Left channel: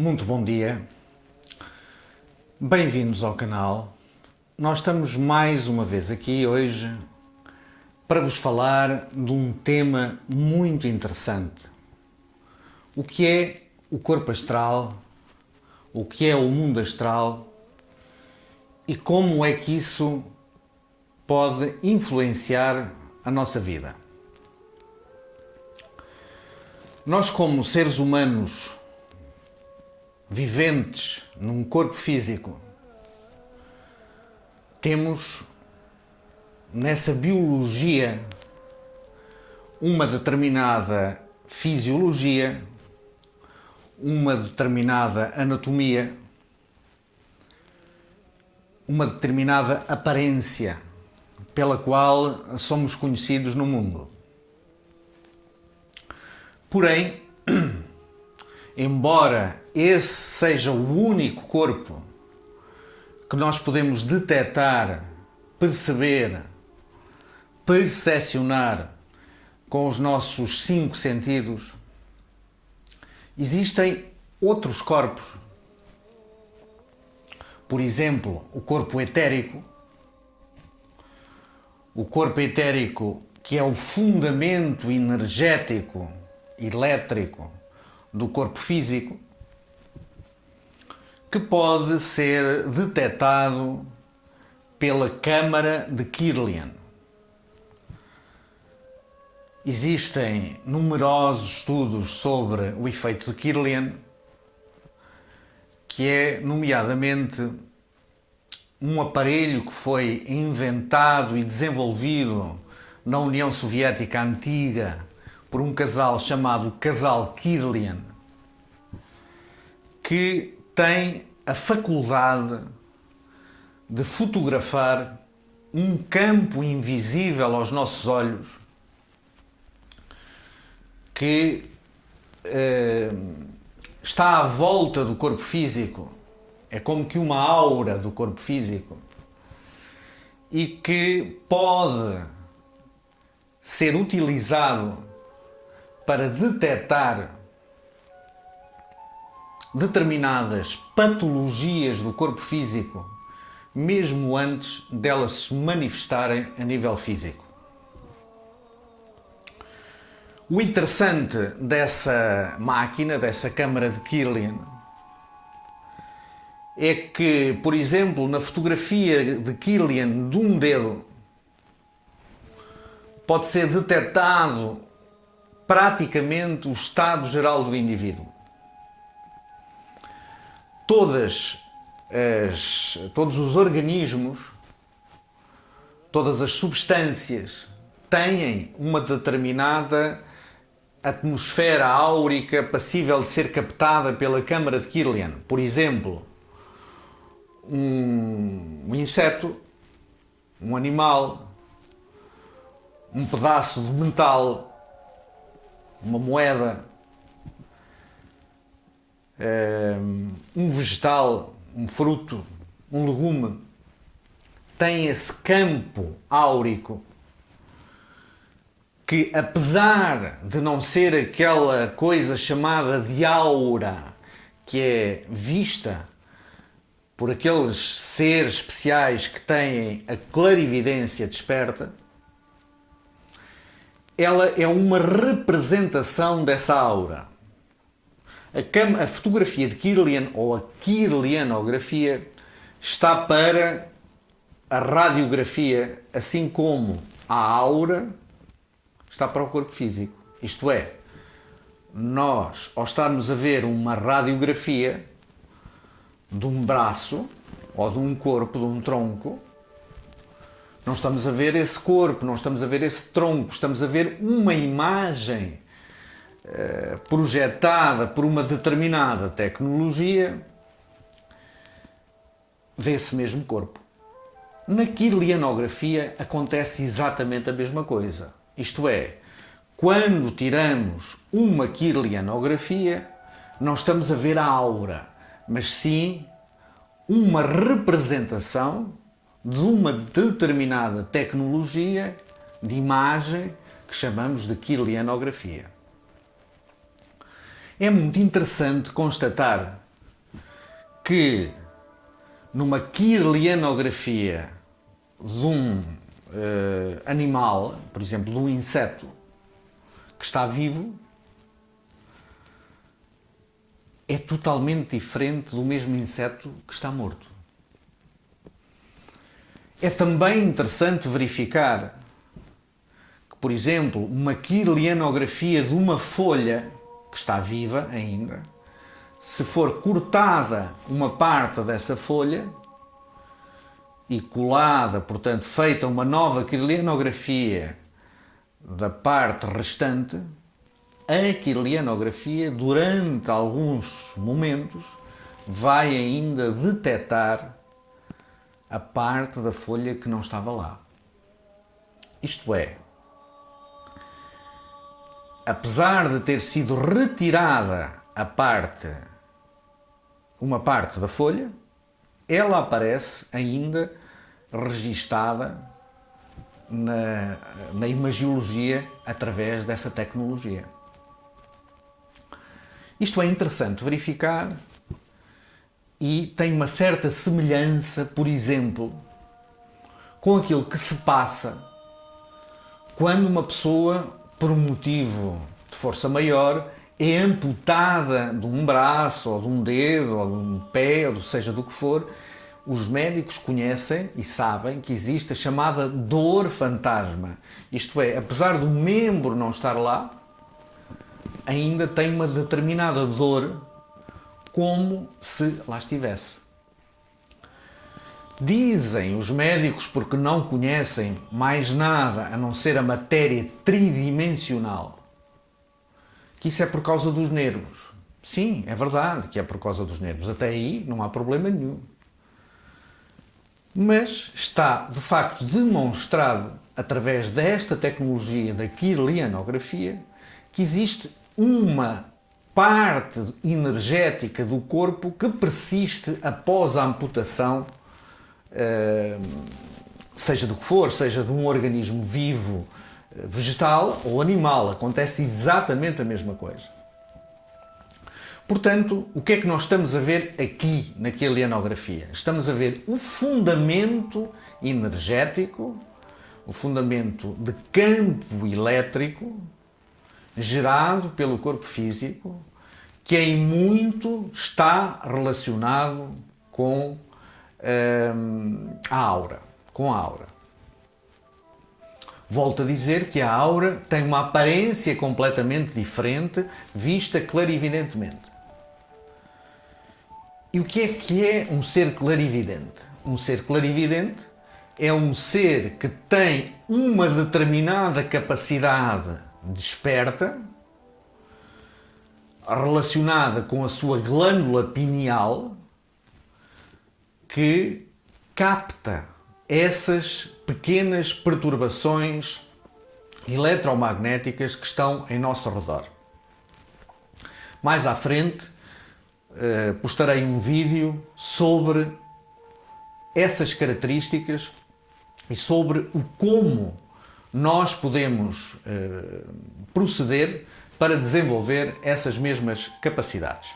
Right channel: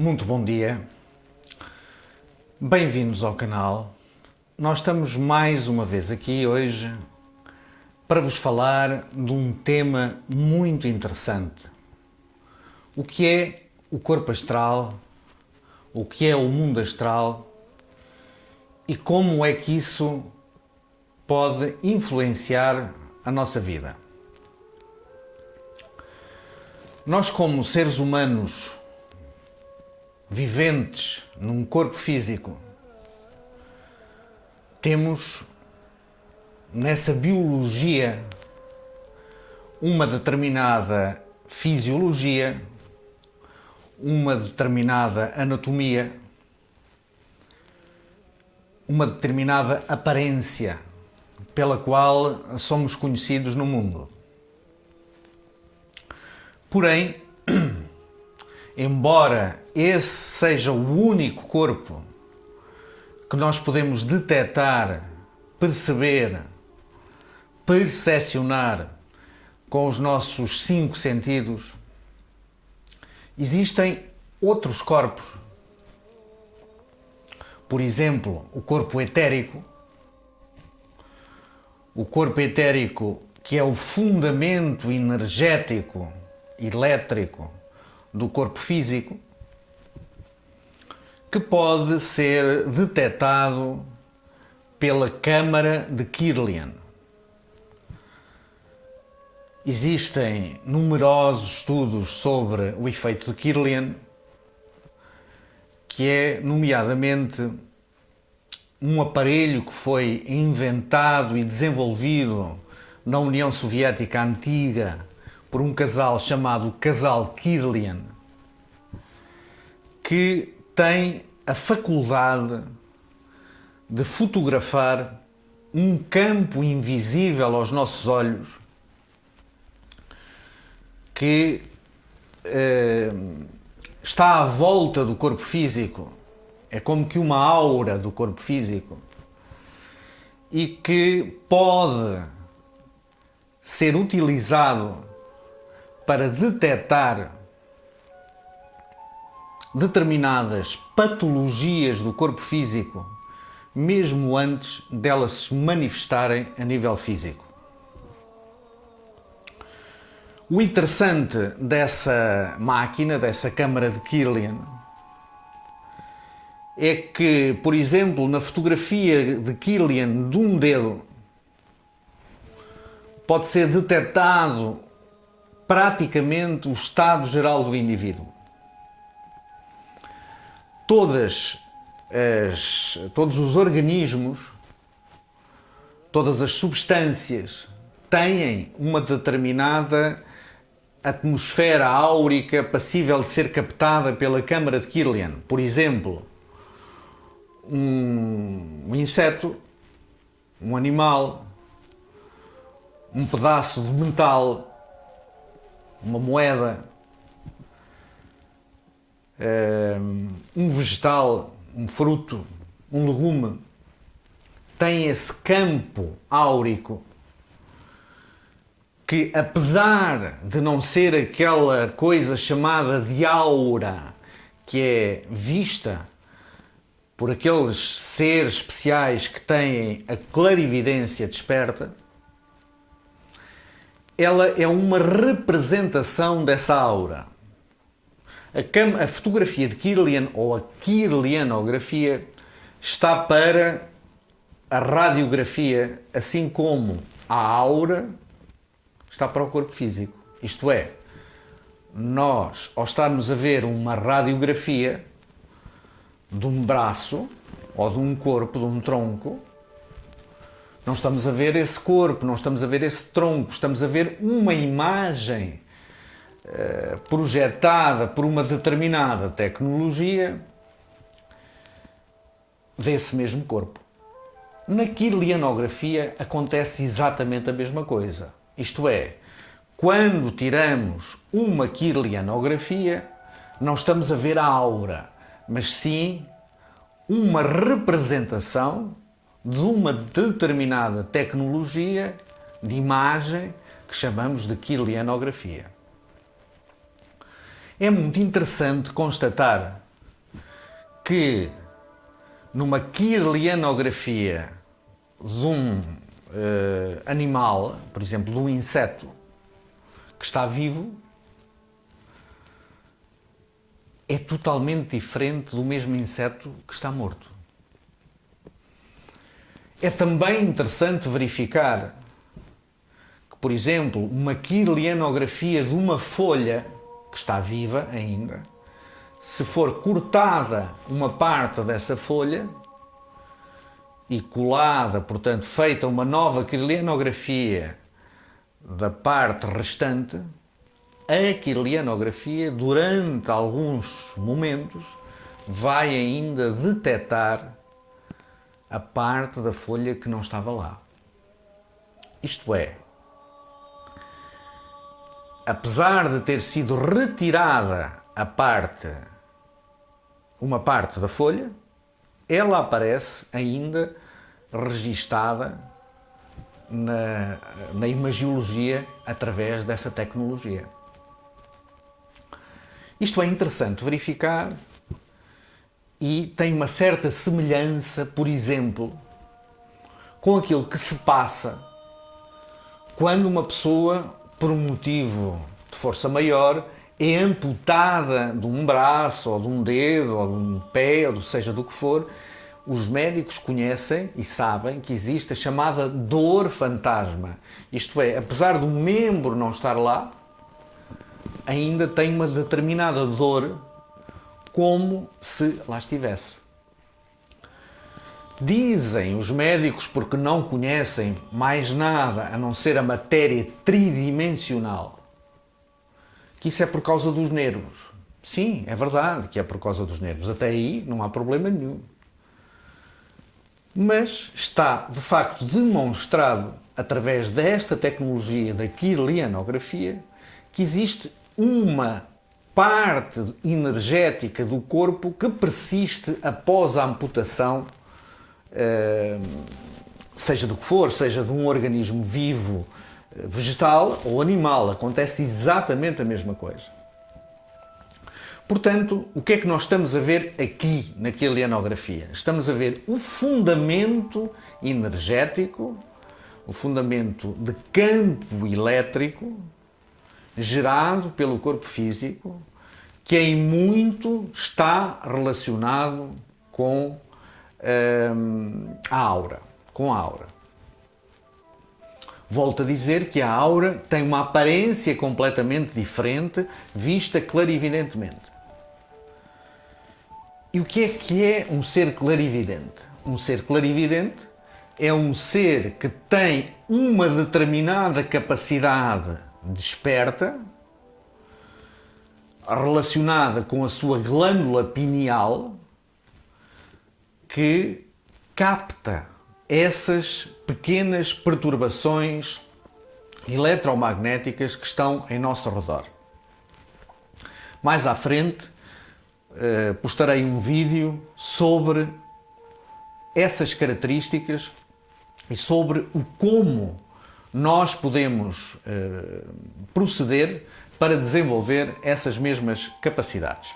Muito bom dia, bem-vindos ao canal. Nós estamos mais uma vez aqui hoje para vos falar de um tema muito interessante. O que é o corpo astral, o que é o mundo astral e como é que isso pode influenciar a nossa vida. Nós, como seres humanos viventes num corpo físico, temos nessa biologia uma determinada fisiologia, uma determinada anatomia, uma determinada aparência pela qual somos conhecidos no mundo. Porém, embora esse seja o único corpo que nós podemos detectar, perceber, percepcionar com os nossos 5 sentidos, existem outros corpos. Por exemplo, o corpo etérico. O corpo etérico, que é o fundamento energético, elétrico do corpo físico, que pode ser detectado pela câmara de Kirlian. Existem numerosos estudos sobre o efeito de Kirlian, que é, nomeadamente, um aparelho que foi inventado e desenvolvido na União Soviética antiga por um casal chamado Casal Kirlian, que tem a faculdade de fotografar um campo invisível aos nossos olhos que está à volta do corpo físico. É como que uma aura do corpo físico e que pode ser utilizado para detectar determinadas patologias do corpo físico, mesmo antes delas se manifestarem a nível físico. O interessante dessa máquina, dessa câmara de Kirlian, é que, por exemplo, na fotografia de Kirlian de um dedo, pode ser detectado praticamente o estado geral do indivíduo. Todos os organismos, todas as substâncias têm uma determinada atmosfera áurica passível de ser captada pela câmara de Kirlian. Por exemplo, um inseto, um animal, um pedaço de metal, uma moeda, um vegetal, um fruto, um legume, tem esse campo áurico que, apesar de não ser aquela coisa chamada de aura que é vista por aqueles seres especiais que têm a clarividência desperta, ela é uma representação dessa aura. A fotografia de Kirlian, ou a kirlianografia, está para a radiografia, assim como a aura está para o corpo físico. Isto é, nós, ao estarmos a ver uma radiografia de um braço, ou de um corpo, de um tronco, não estamos a ver esse corpo, não estamos a ver esse tronco, estamos a ver uma imagem projetada por uma determinada tecnologia desse mesmo corpo. Na kirlianografia acontece exatamente a mesma coisa. Isto é, quando tiramos uma kirlianografia, não estamos a ver a aura, mas sim uma representação de uma determinada tecnologia de imagem que chamamos de kirlianografia. É muito interessante constatar que numa kirlianografia de um animal, por exemplo, de um inseto que está vivo, é totalmente diferente do mesmo inseto que está morto. É também interessante verificar que, por exemplo, uma kirlianografia de uma folha que está viva ainda, se for cortada uma parte dessa folha e colada, portanto, feita uma nova kirlianografia da parte restante, a kirlianografia, durante alguns momentos, vai ainda detectar a parte da folha que não estava lá. Isto é, apesar de ter sido retirada uma parte da folha, ela aparece ainda registada na imagiologia através dessa tecnologia. Isto é interessante verificar e tem uma certa semelhança, por exemplo, com aquilo que se passa quando uma pessoa, por um motivo de força maior, é amputada de um braço, ou de um dedo, ou de um pé, ou seja do que for. Os médicos conhecem e sabem que existe a chamada dor fantasma. Isto é, apesar do membro não estar lá, ainda tem uma determinada dor, como se lá estivesse. Dizem os médicos, porque não conhecem mais nada a não ser a matéria tridimensional, que isso é por causa dos nervos. Sim, é verdade que é por causa dos nervos. Até aí não há problema nenhum. Mas está, de facto, demonstrado, através desta tecnologia da kirlianografia, que existe uma parte energética do corpo que persiste após a amputação, seja do que for, seja de um organismo vivo, vegetal ou animal. Acontece exatamente a mesma coisa. Portanto, o que é que nós estamos a ver aqui na kirlianografia? Estamos a ver o fundamento energético, o fundamento de campo elétrico gerado pelo corpo físico, que em muito está relacionado com a aura. Volto a dizer que a aura tem uma aparência completamente diferente, vista clarividentemente. E o que é um ser clarividente? Um ser clarividente é um ser que tem uma determinada capacidade desperta relacionada com a sua glândula pineal, que capta essas pequenas perturbações eletromagnéticas que estão em nosso redor. Mais à frente postarei um vídeo sobre essas características e sobre o como nós podemos proceder para desenvolver essas mesmas capacidades.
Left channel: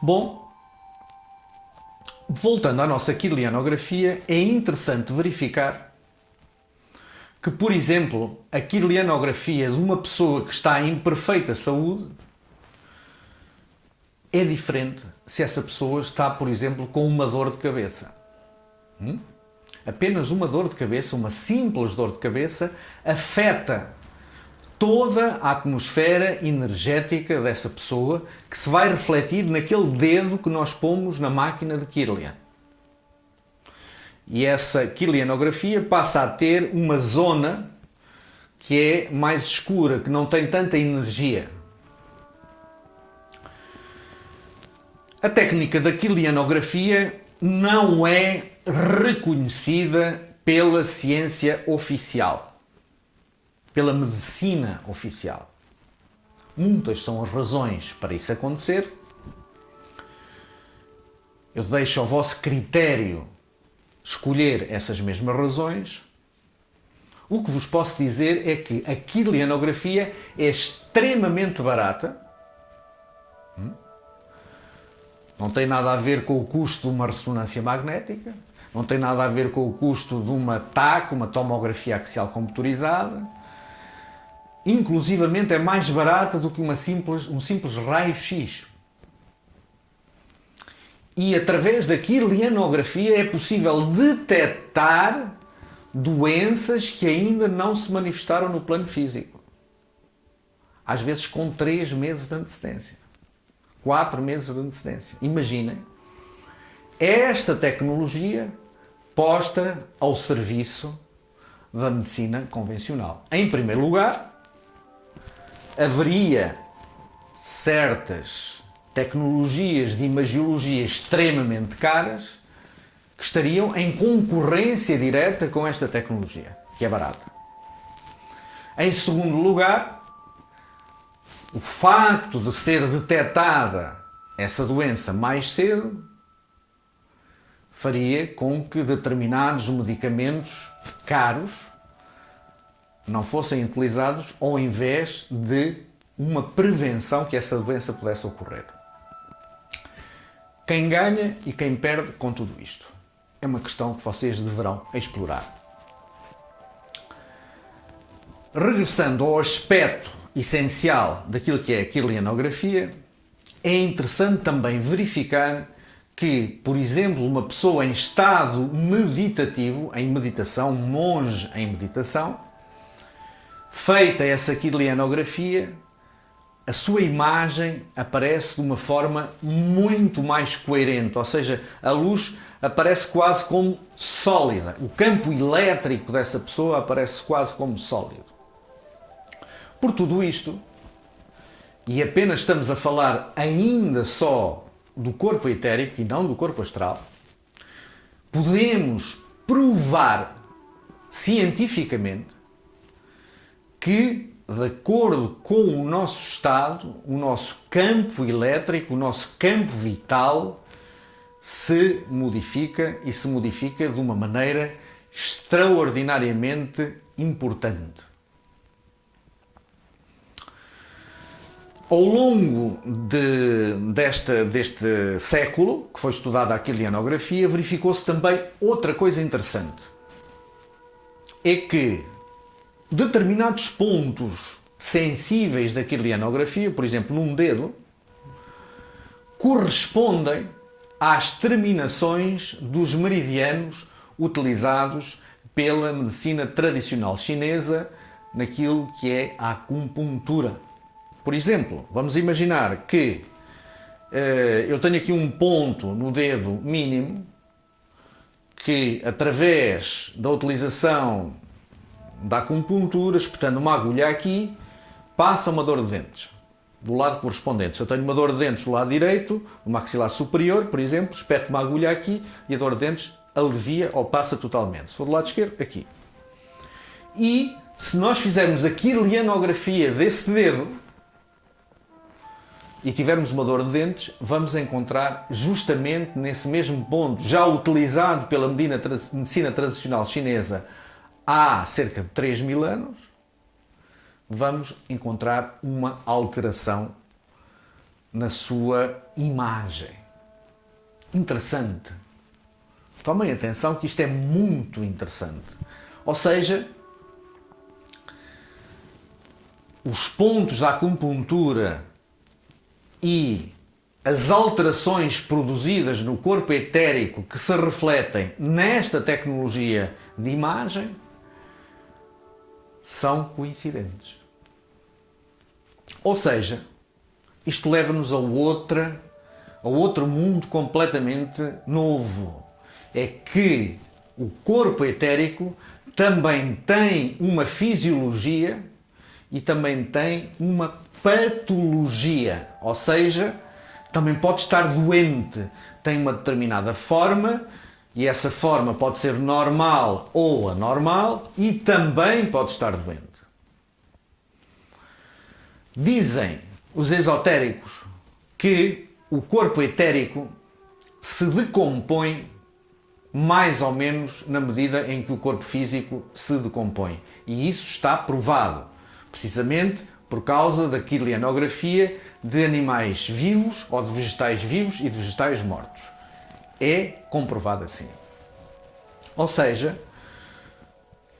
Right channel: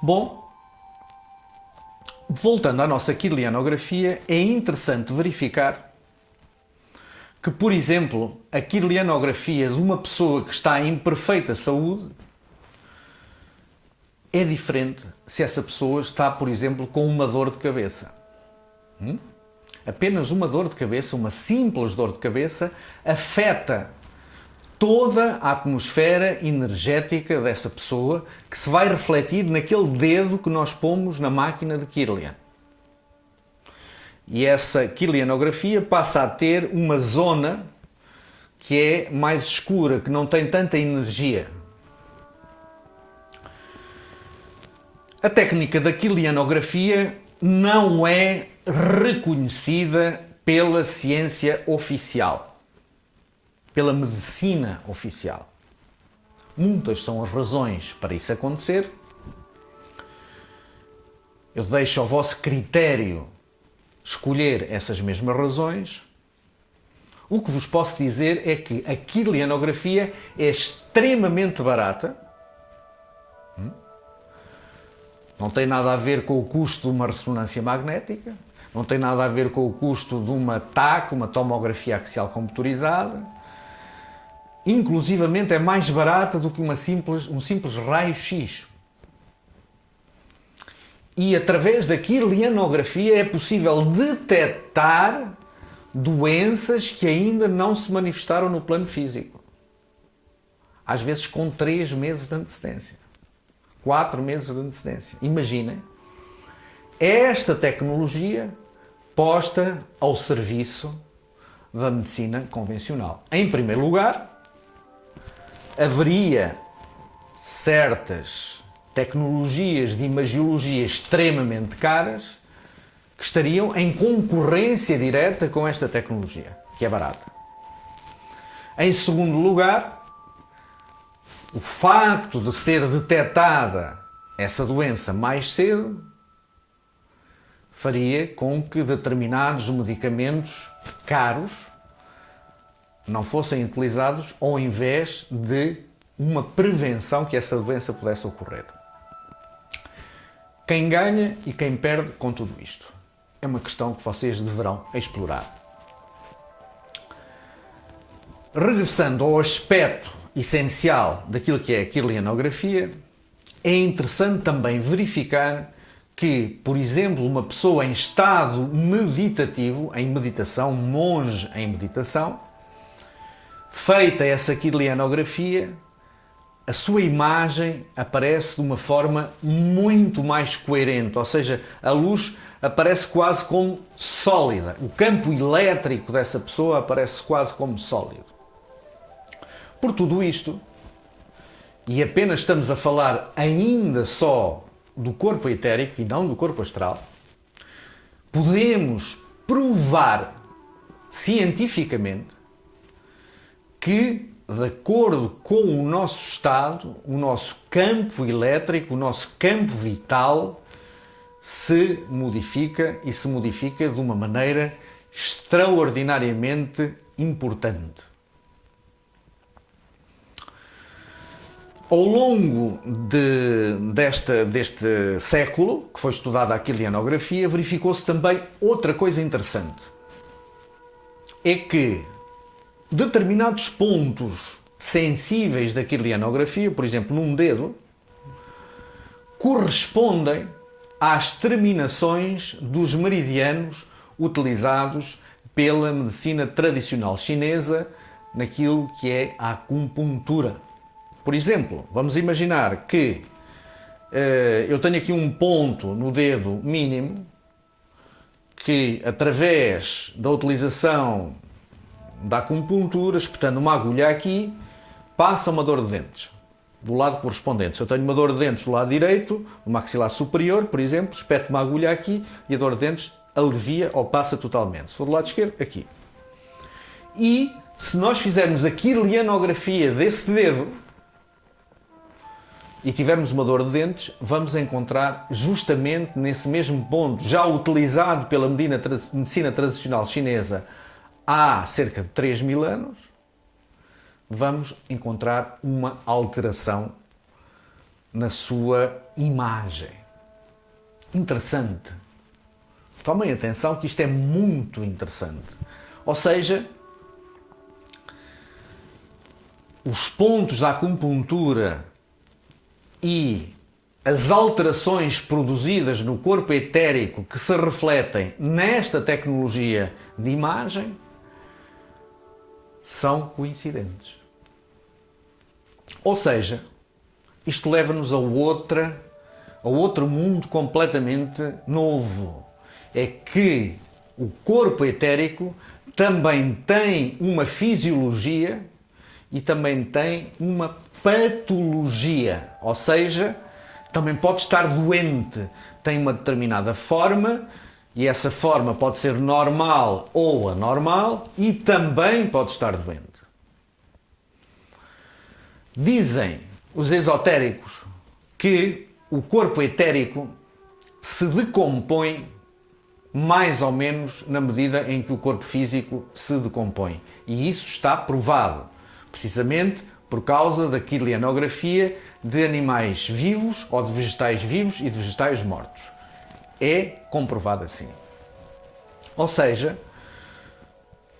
Bom, voltando à nossa kirlianografia, é interessante verificar que, por exemplo, a kirlianografia de uma pessoa que está em perfeita saúde é diferente se essa pessoa está, por exemplo, com uma dor de cabeça. Apenas uma dor de cabeça, uma simples dor de cabeça, afeta toda a atmosfera energética dessa pessoa, que se vai refletir naquele dedo que nós pomos na máquina de Kirlian. E essa kirlianografia passa a ter uma zona que é mais escura, que não tem tanta energia. A técnica da kirlianografia não é reconhecida pela ciência oficial, pela medicina oficial. Muitas são as razões para isso acontecer. Eu deixo ao vosso critério escolher essas mesmas razões. O que vos posso dizer é que a kirlianografia é extremamente barata, Não tem nada a ver com o custo de uma ressonância magnética, não tem nada a ver com o custo de uma TAC, uma tomografia axial computurizada. Inclusivamente é mais barata do que um simples raio-x. E através da kirlianografia é possível detectar doenças que ainda não se manifestaram no plano físico. Às vezes com 3 meses de antecedência. 4 meses de antecedência. Imaginem esta tecnologia posta ao serviço da medicina convencional. Em primeiro lugar, haveria certas tecnologias de imagiologia extremamente caras que estariam em concorrência direta com esta tecnologia, que é barata. Em segundo lugar, o facto de ser detectada essa doença mais cedo faria com que determinados medicamentos caros não fossem utilizados ao invés de uma prevenção que essa doença pudesse ocorrer. Quem ganha e quem perde com tudo isto? É uma questão que vocês deverão explorar. Regressando ao aspecto essencial daquilo que é a kirlianografia, é interessante também verificar que, por exemplo, uma pessoa em estado meditativo, em meditação, um monge em meditação, feita essa kirlianografia, a sua imagem aparece de uma forma muito mais coerente, ou seja, a luz aparece quase como sólida. O campo elétrico dessa pessoa aparece quase como sólido. Por tudo isto, e apenas estamos a falar ainda só do corpo etérico e não do corpo astral, podemos provar cientificamente que, de acordo com o nosso estado, o nosso campo elétrico, o nosso campo vital, se modifica e se modifica de uma maneira extraordinariamente importante. Ao longo deste século, que foi estudada a kirlianografia, verificou-se também outra coisa interessante. É que determinados pontos sensíveis da kirlianografia, por exemplo, num dedo, correspondem às terminações dos meridianos utilizados pela medicina tradicional chinesa naquilo que é a acupuntura. Por exemplo, vamos imaginar que eu tenho aqui um ponto no dedo mínimo que, através da utilização da acupuntura, espetando uma agulha aqui, passa uma dor de dentes do lado correspondente. Se eu tenho uma dor de dentes do lado direito, no maxilar superior, por exemplo, espeto uma agulha aqui e a dor de dentes alivia ou passa totalmente. Se for do lado esquerdo, aqui. E se nós fizermos a kirlianografia desse dedo e tivermos uma dor de dentes, vamos encontrar justamente nesse mesmo ponto, já utilizado pela medicina tradicional chinesa há cerca de 3.000 anos, vamos encontrar uma alteração na sua imagem. Interessante. Tomem atenção que isto é muito interessante. Ou seja, os pontos da acupuntura e as alterações produzidas no corpo etérico que se refletem nesta tecnologia de imagem são coincidentes. Ou seja, isto leva-nos a outro mundo completamente novo. É que o corpo etérico também tem uma fisiologia e também tem uma patologia. Ou seja, também pode estar doente. Tem uma determinada forma e essa forma pode ser normal ou anormal e também pode estar doente. Dizem os esotéricos que o corpo etérico se decompõe mais ou menos na medida em que o corpo físico se decompõe. E isso está provado. Precisamente por causa da quilinografia de animais vivos ou de vegetais vivos e de vegetais mortos. É comprovado assim. Ou seja,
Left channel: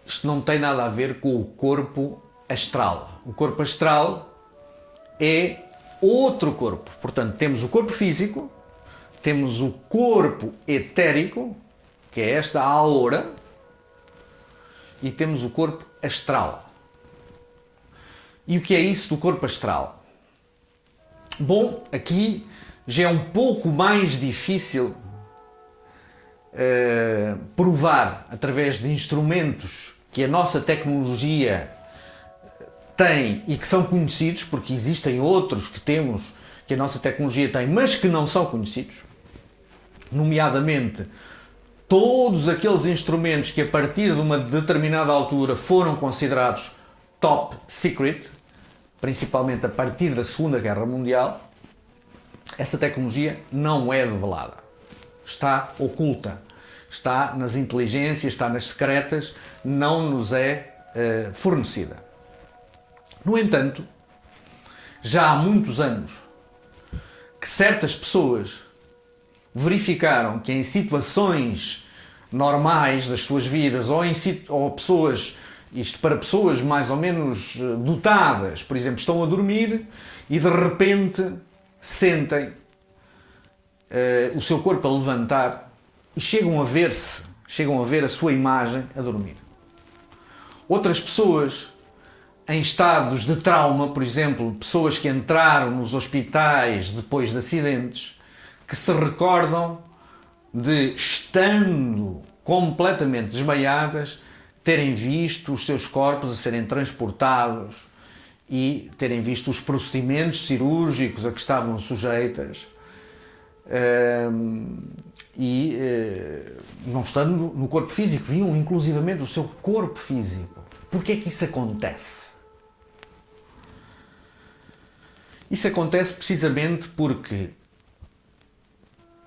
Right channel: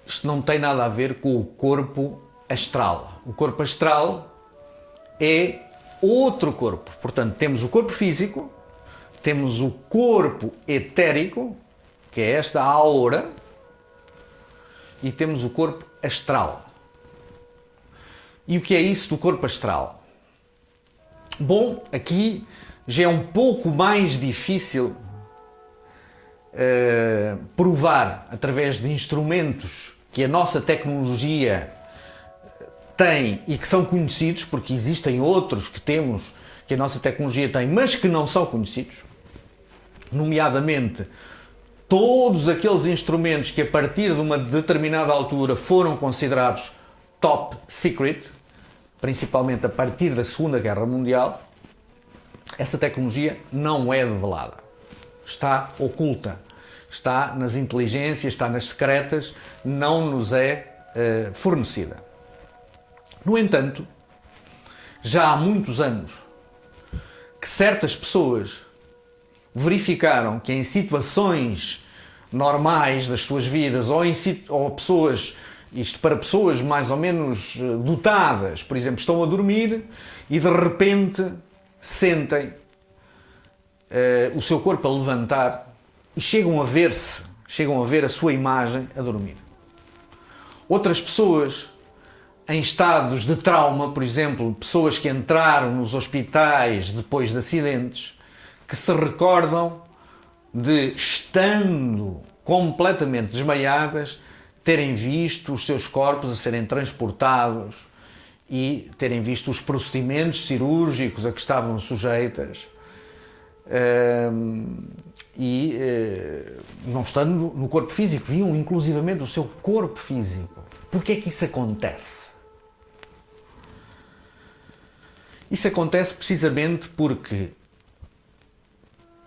isto não tem nada a ver com o corpo astral. O corpo astral é outro corpo. Portanto, temos o corpo físico, temos o corpo etérico, que é esta aura, e temos o corpo astral. E o que é isso do corpo astral? Bom, aqui já é um pouco mais difícil provar através de instrumentos que a nossa tecnologia tem e que são conhecidos, porque existem outros que temos, que a nossa tecnologia tem, mas que não são conhecidos, nomeadamente todos aqueles instrumentos que a partir de uma determinada altura foram considerados top secret, principalmente a partir da Segunda Guerra Mundial. Essa tecnologia não é revelada. Está oculta. Está nas inteligências, está nas secretas, não nos é fornecida. No entanto, já há muitos anos que certas pessoas verificaram que em situações normais das suas vidas ou pessoas, isto para pessoas mais ou menos dotadas, por exemplo, estão a dormir e de repente sentem o seu corpo a levantar e chegam a ver-se, chegam a ver a sua imagem a dormir. Outras pessoas em estados de trauma, por exemplo, pessoas que entraram nos hospitais depois de acidentes, que se recordam de, estando completamente desmaiadas, terem visto os seus corpos a serem transportados e terem visto os procedimentos cirúrgicos a que estavam sujeitas não estando no corpo físico, viam inclusivamente o seu corpo físico. Porquê é que isso acontece? Isso acontece precisamente porque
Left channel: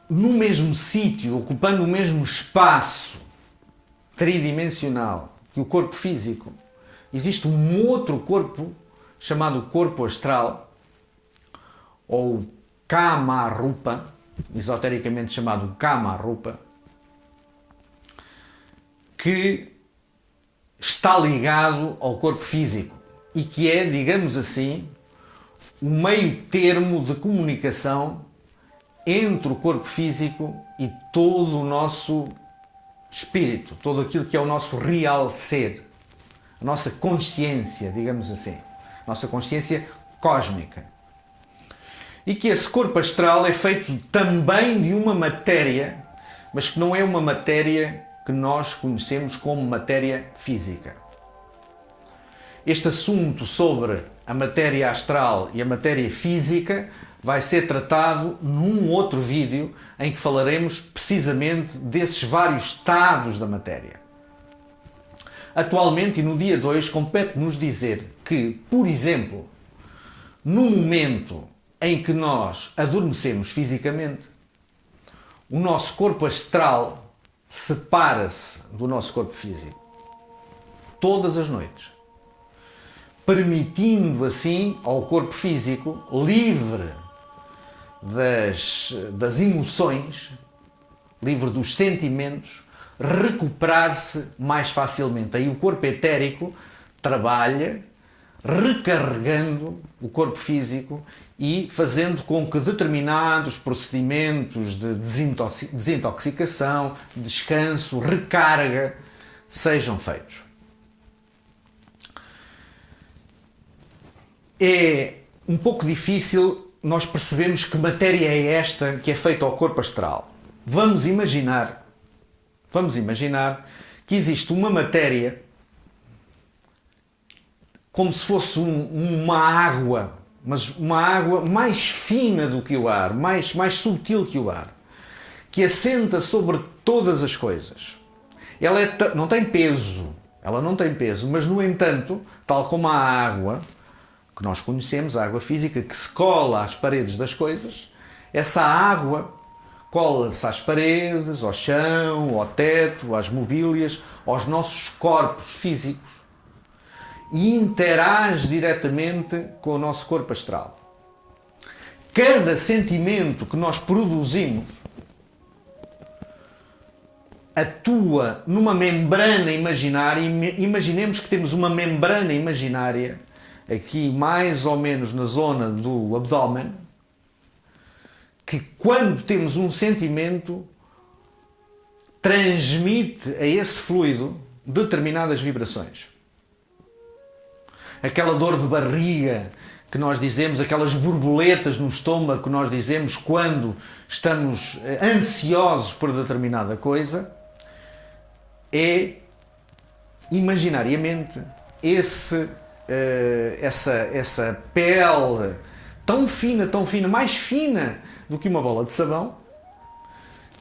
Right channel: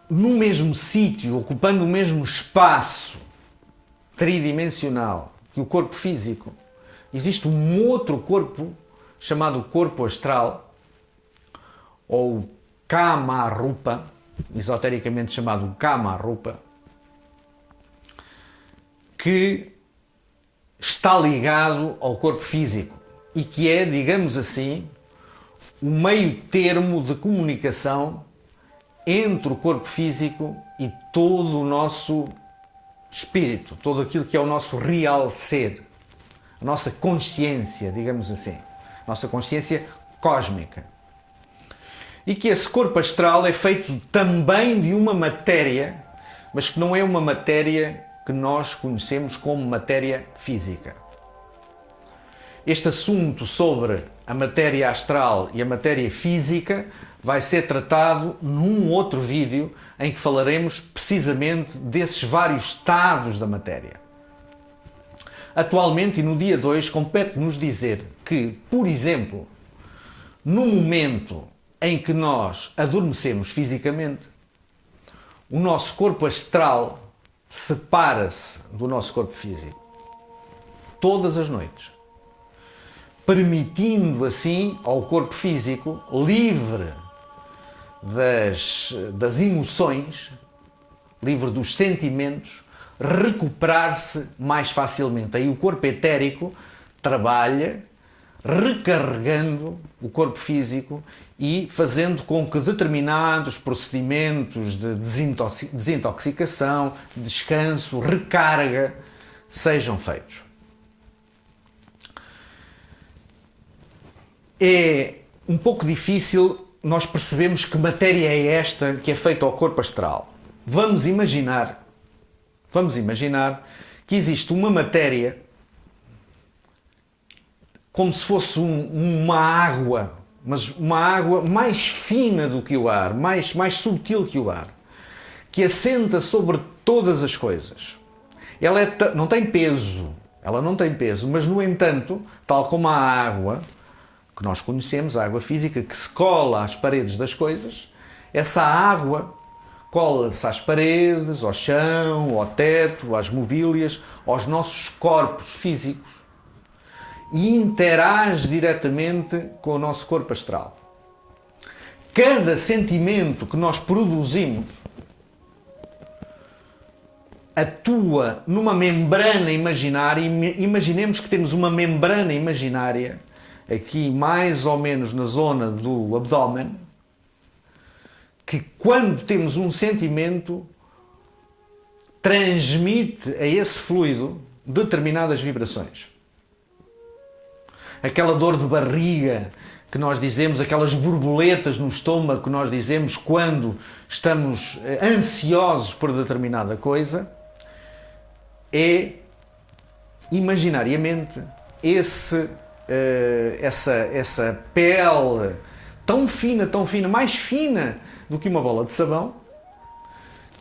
no mesmo sítio, ocupando o mesmo espaço tridimensional que o corpo físico, existe um outro corpo chamado corpo astral, ou Kama Rupa, esotericamente chamado Kama Rupa, que está ligado ao corpo físico e que é, digamos assim, o meio termo de comunicação entre o corpo físico e todo o nosso espírito, todo aquilo que é o nosso real ser, a nossa consciência, digamos assim, a nossa consciência cósmica. E que esse corpo astral é feito também de uma matéria, mas que não é uma matéria que nós conhecemos como matéria física. Este assunto sobre a matéria astral e a matéria física vai ser tratado num outro vídeo em que falaremos precisamente desses vários estados da matéria. Atualmente e no dia 2 compete-nos dizer que, por exemplo, no momento em que nós adormecemos fisicamente, o nosso corpo astral separa-se do nosso corpo físico todas as noites, permitindo assim ao corpo físico, livre das emoções, livre dos sentimentos, recuperar-se mais facilmente. Aí o corpo etérico trabalha recarregando o corpo físico e fazendo com que determinados procedimentos de desintoxicação, descanso, recarga sejam feitos. É um pouco difícil nós percebermos que matéria é esta que é feita ao corpo astral. Vamos imaginar que existe uma matéria como se fosse uma água, mas uma água mais fina do que o ar, mais sutil que o ar, que assenta sobre todas as coisas. Ela não tem peso, mas no entanto, tal como a água que nós conhecemos, a água física, que se cola às paredes das coisas, essa água cola-se às paredes, ao chão, ao teto, às mobílias, aos nossos corpos físicos. e interage diretamente com o nosso corpo astral. Cada sentimento que nós produzimos atua numa membrana imaginária. Imaginemos que temos uma membrana imaginária aqui mais ou menos na zona do abdômen, que quando temos um sentimento transmite a esse fluido determinadas vibrações. Aquela dor de barriga que nós dizemos, aquelas borboletas no estômago que nós dizemos quando estamos ansiosos por determinada coisa, é imaginariamente essa pele tão fina, mais fina do que uma bola de sabão,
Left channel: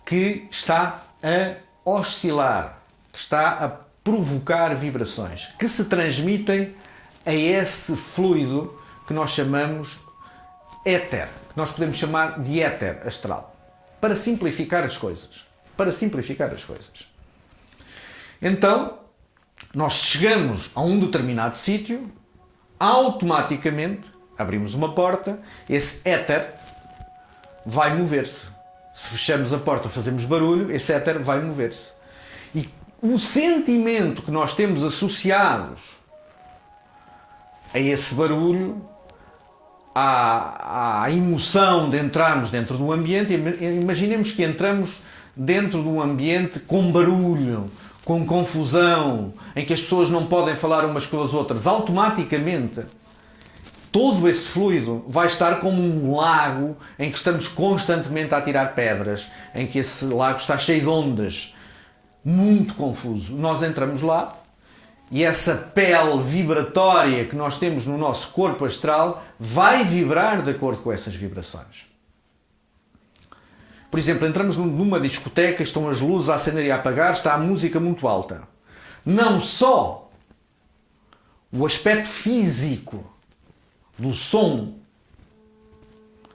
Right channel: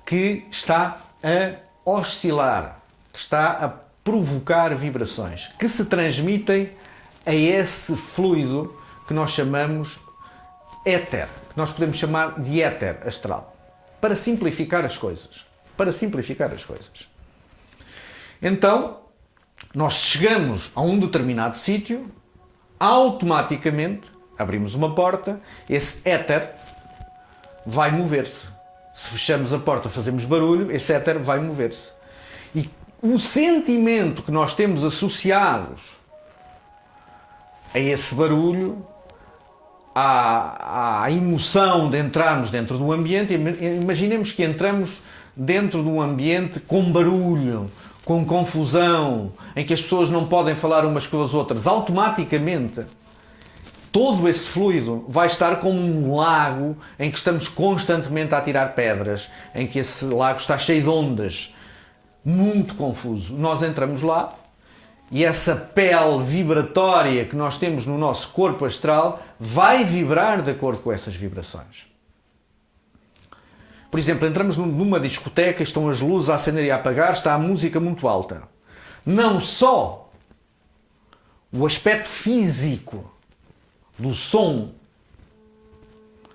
que está a oscilar, que está a provocar vibrações que se transmitem a esse fluido que nós chamamos éter, que nós podemos chamar de éter astral, para simplificar as coisas. Então, nós chegamos a um determinado sítio, automaticamente abrimos uma porta, esse éter vai mover-se. Se fechamos a porta, fazemos barulho, esse éter vai mover-se. E o sentimento que nós temos associados a esse barulho, à emoção de entrarmos dentro do ambiente, imaginemos que entramos dentro de um ambiente com barulho, com confusão, em que as pessoas não podem falar umas com as outras. Automaticamente, todo esse fluido vai estar como um lago em que estamos constantemente a tirar pedras, em que esse lago está cheio de ondas, muito confuso. Nós entramos lá e essa pele vibratória que nós temos no nosso corpo astral vai vibrar de acordo com essas vibrações. Por exemplo, entramos numa discoteca, estão as luzes a acender e a apagar, está a música muito alta. Não só o aspecto físico do som,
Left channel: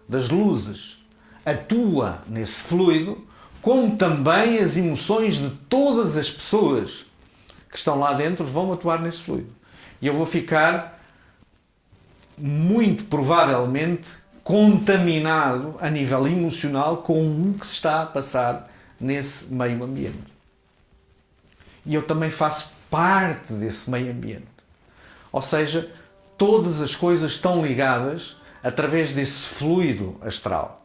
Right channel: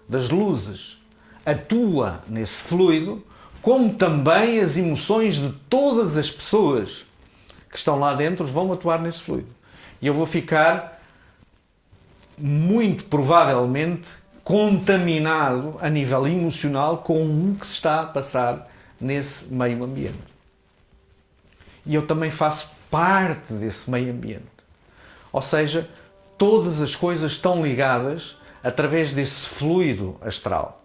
das luzes, atua nesse fluido, como também as emoções de todas as pessoas que estão lá dentro vão atuar nesse fluido. E eu vou ficar, muito provavelmente, contaminado a nível emocional com o que se está a passar nesse meio ambiente. E eu também faço parte desse meio ambiente. Ou seja, todas as coisas estão ligadas através desse fluido astral.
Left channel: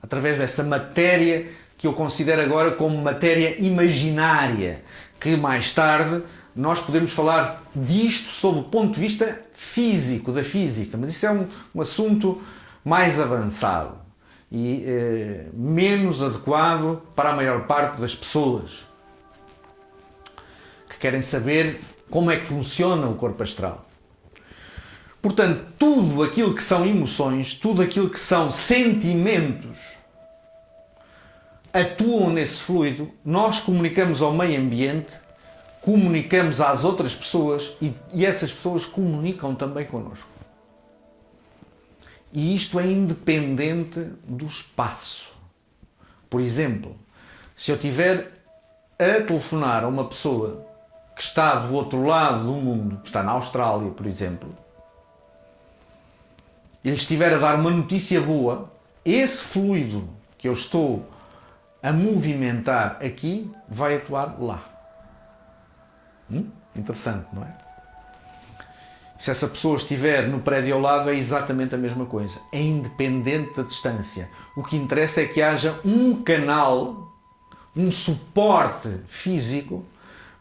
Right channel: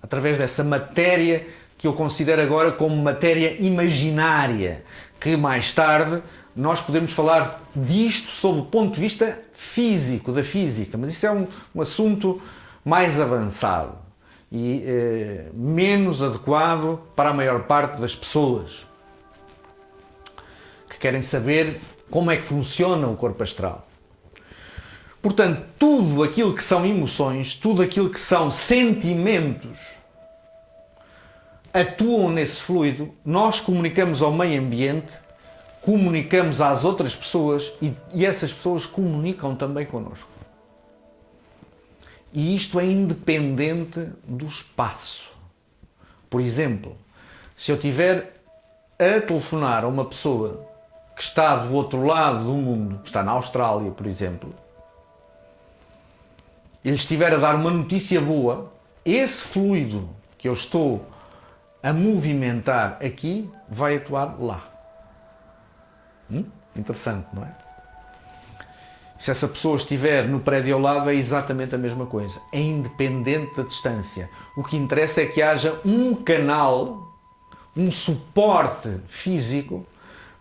Através dessa matéria que eu considero agora como matéria imaginária, que mais tarde nós podemos falar disto sob o ponto de vista físico, da física, mas isso é um assunto mais avançado e menos adequado para a maior parte das pessoas que querem saber como é que funciona o corpo astral. Portanto, tudo aquilo que são emoções, tudo aquilo que são sentimentos, atuam nesse fluido, nós comunicamos ao meio ambiente, comunicamos às outras pessoas e essas pessoas comunicam também connosco. E isto é independente do espaço. Por exemplo, se eu estiver a telefonar a uma pessoa que está do outro lado do mundo, que está na Austrália, por exemplo, e lhe estiver a dar uma notícia boa, esse fluido que eu estou a movimentar aqui vai atuar lá. Interessante, não é? Se essa pessoa estiver no prédio ao lado, é exatamente a mesma coisa. É independente da distância. O que interessa é que haja um canal, um suporte físico,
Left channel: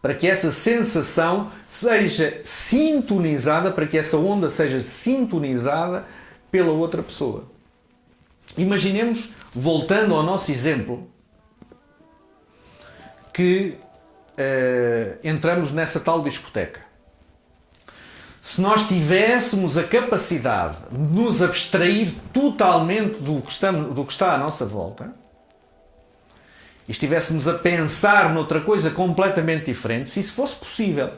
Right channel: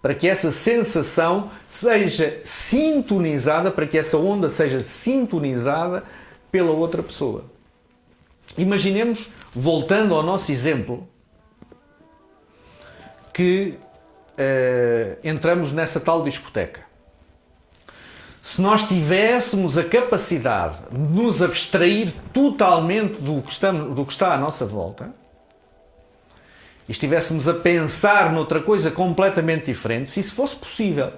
para que essa sensação seja sintonizada, para que essa onda seja sintonizada pela outra pessoa. Imaginemos, voltando ao nosso exemplo, que entramos nessa tal discoteca. Se nós tivéssemos a capacidade de nos abstrair totalmente do que está à nossa volta e estivéssemos a pensar noutra coisa completamente diferente, se isso fosse possível,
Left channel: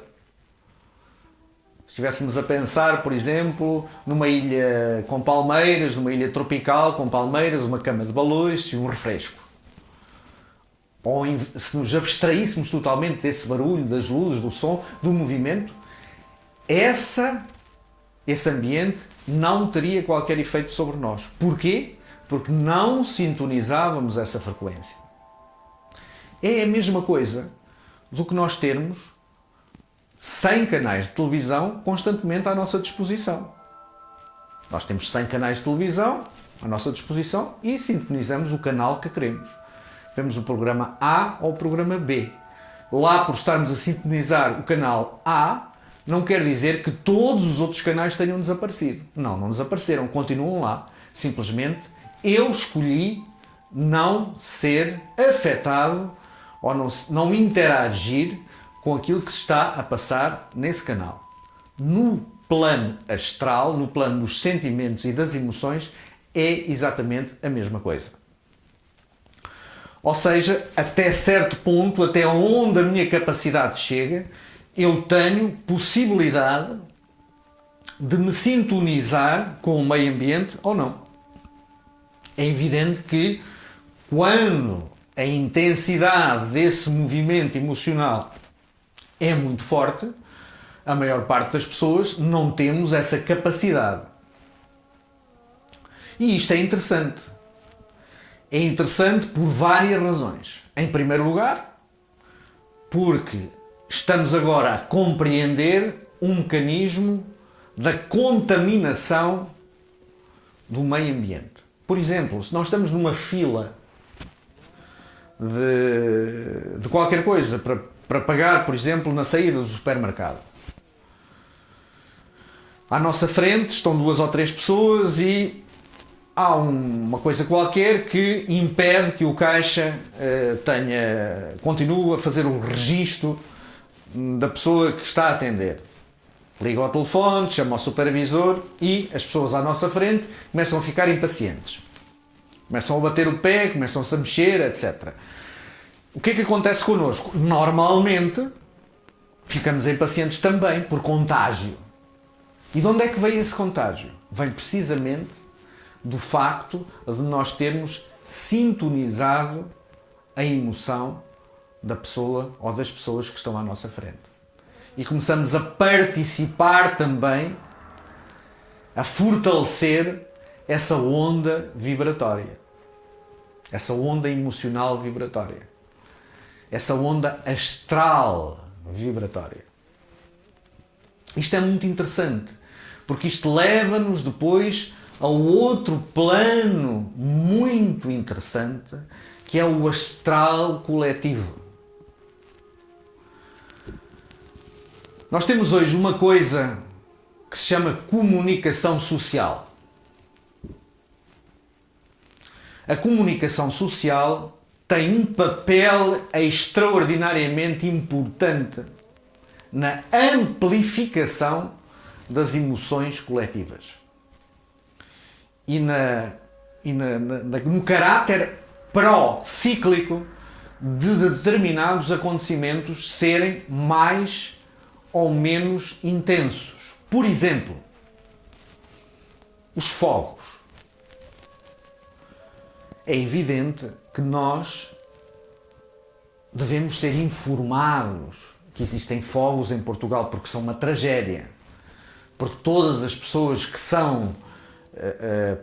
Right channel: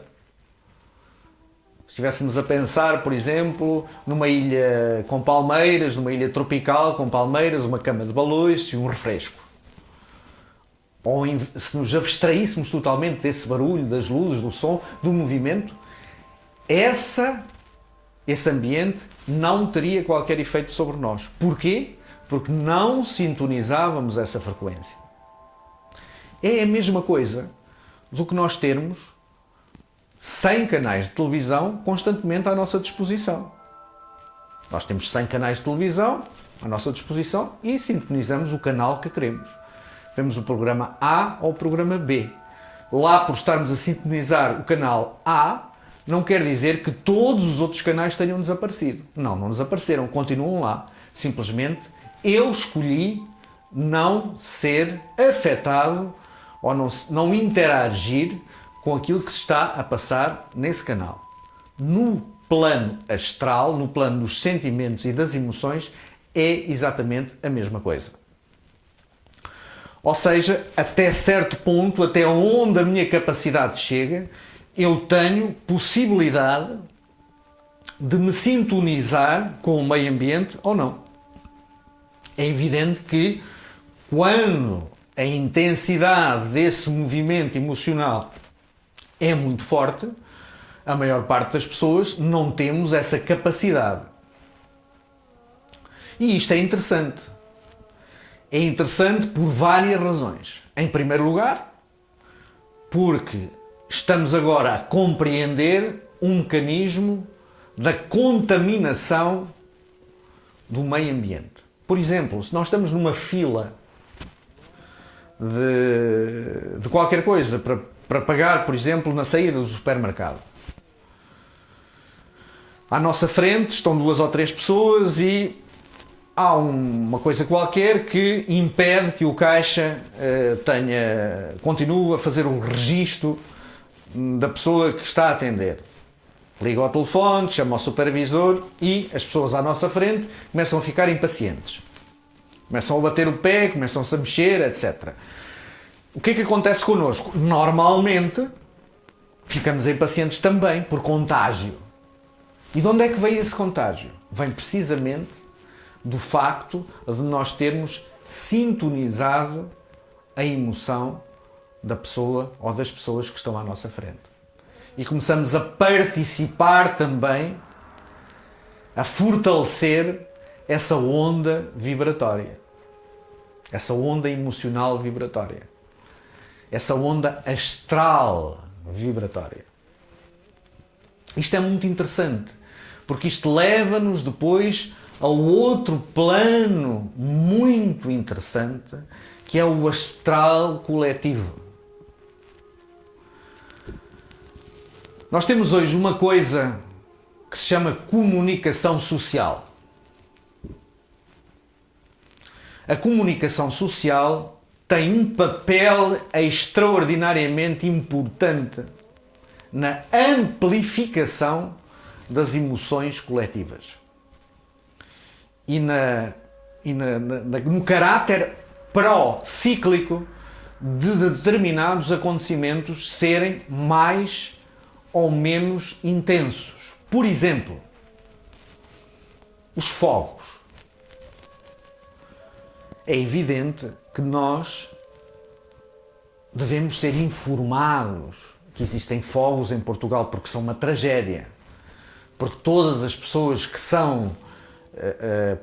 se estivéssemos a pensar, por exemplo, numa ilha com palmeiras, numa ilha tropical com palmeiras, uma cama de balões e um refresco, ou se nos abstraíssemos totalmente desse barulho, das luzes, do som, do movimento, esse ambiente não teria qualquer efeito sobre nós. Porquê? Porque não sintonizávamos essa frequência. É a mesma coisa do que nós termos 100 canais de televisão constantemente à nossa disposição. Nós temos 100 canais de televisão à nossa disposição e sintonizamos o canal que queremos. Temos o programa A ou o programa B. Lá, por estarmos a sintonizar o canal A, não quer dizer que todos os outros canais tenham desaparecido. Não desapareceram, continuam lá. Simplesmente eu escolhi não ser afetado ou não interagir com aquilo que se está a passar nesse canal. No plano astral, no plano dos sentimentos e das emoções, é exatamente a mesma coisa. Ou seja, até certo ponto, até onde a minha capacidade chega, eu tenho possibilidade de me sintonizar com o meio ambiente ou não. É evidente que quando a intensidade desse movimento emocional é muito forte, a maior parte das pessoas não temos essa capacidade. E isto é interessante. É interessante por várias razões. Em primeiro lugar, porque estamos agora a compreender um mecanismo da contaminação do meio ambiente. Por exemplo, se nós estamos numa fila de qualquer coisa para pagar, por exemplo, na saída do supermercado. À nossa frente estão 2 ou 3 pessoas e há uma coisa qualquer que impede que o caixa continue a fazer um registro da pessoa que está a atender. Liga ao telefone, chama ao supervisor e as pessoas à nossa frente começam a ficar impacientes. Começam a bater o pé, começam-se a mexer, etc. O que é que acontece connosco? Normalmente ficamos impacientes também por contágio. E de onde é que vem esse contágio? Vem precisamente do facto de nós termos sintonizado a emoção da pessoa ou das pessoas que estão à nossa frente. E começamos a participar também, a fortalecer essa onda vibratória. Essa onda emocional vibratória. Essa onda astral vibratória. Isto é muito interessante, porque isto leva-nos depois a outro plano muito interessante, que é o astral coletivo. Nós temos hoje uma coisa que se chama comunicação social. A comunicação social tem um papel extraordinariamente importante na amplificação das emoções coletivas e no caráter pró-cíclico de determinados acontecimentos serem mais ou menos intensos. Por exemplo, os fogos. É evidente que nós devemos ser informados que existem fogos em Portugal, porque são uma tragédia. Porque todas as pessoas que são,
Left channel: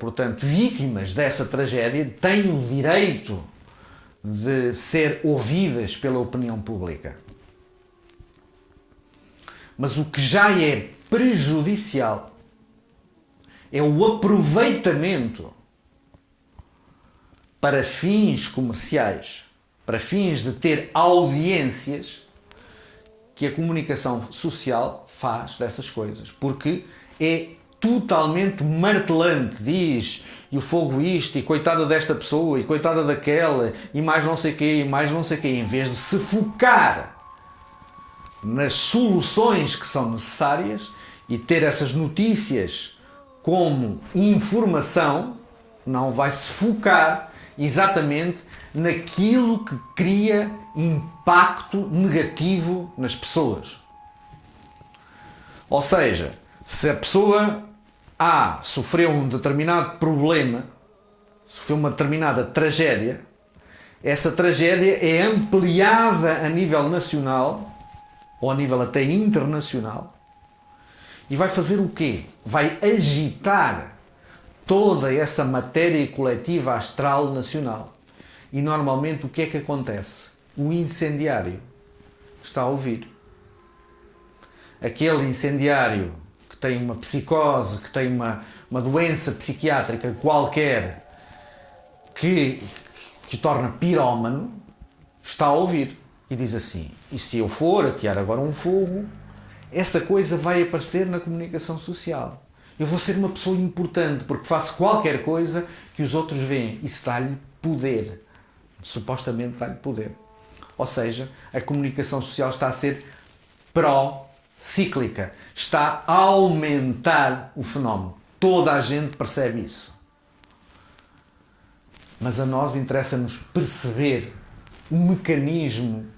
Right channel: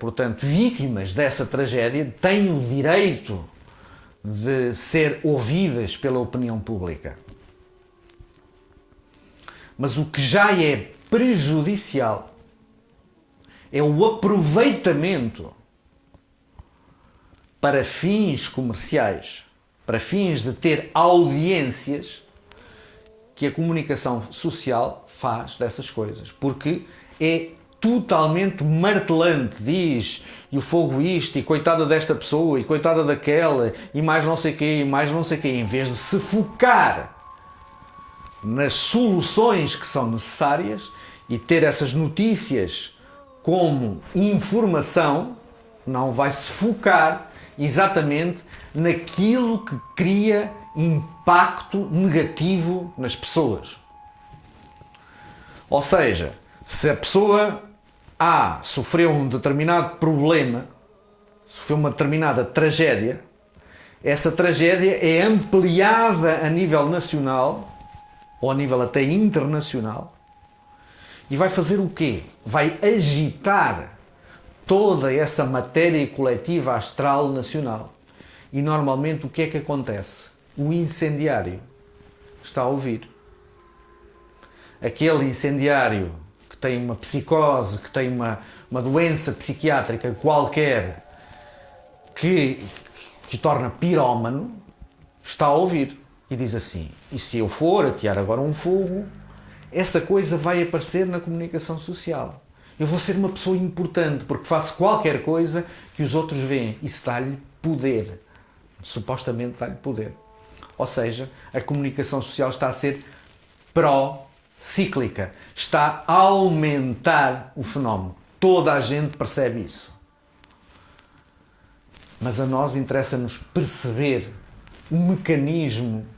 portanto, vítimas dessa tragédia têm o direito de ser ouvidas pela opinião pública. Mas o que já é prejudicial é o aproveitamento para fins comerciais, para fins de ter audiências, que a comunicação social faz dessas coisas. Porque é totalmente martelante. Diz, e o fogo isto, e coitada desta pessoa, e coitada daquela, e mais não sei quê, e mais não sei quê, em vez de se focar nas soluções que são necessárias e ter essas notícias como informação, não vai se focar exatamente naquilo que cria impacto negativo nas pessoas. Ou seja, se a pessoa A sofreu um determinado problema, sofreu uma determinada tragédia, essa tragédia é ampliada a nível nacional ou a nível até internacional E vai fazer o quê? Vai agitar toda essa matéria coletiva astral nacional. E normalmente o que é que acontece? O incendiário está a ouvir. Aquele incendiário que tem uma psicose, que tem uma doença psiquiátrica qualquer, que torna pirómano, está a ouvir. E diz assim, e se eu for atear agora um fogo, essa coisa vai aparecer na comunicação social. Eu vou ser uma pessoa importante, porque faço qualquer coisa que os outros veem. Isso dá-lhe poder. Supostamente dá-lhe poder. Ou seja, a comunicação social está a ser pró-cíclica. Está a aumentar o fenómeno. Toda a gente percebe isso. Mas a nós interessa-nos perceber o mecanismo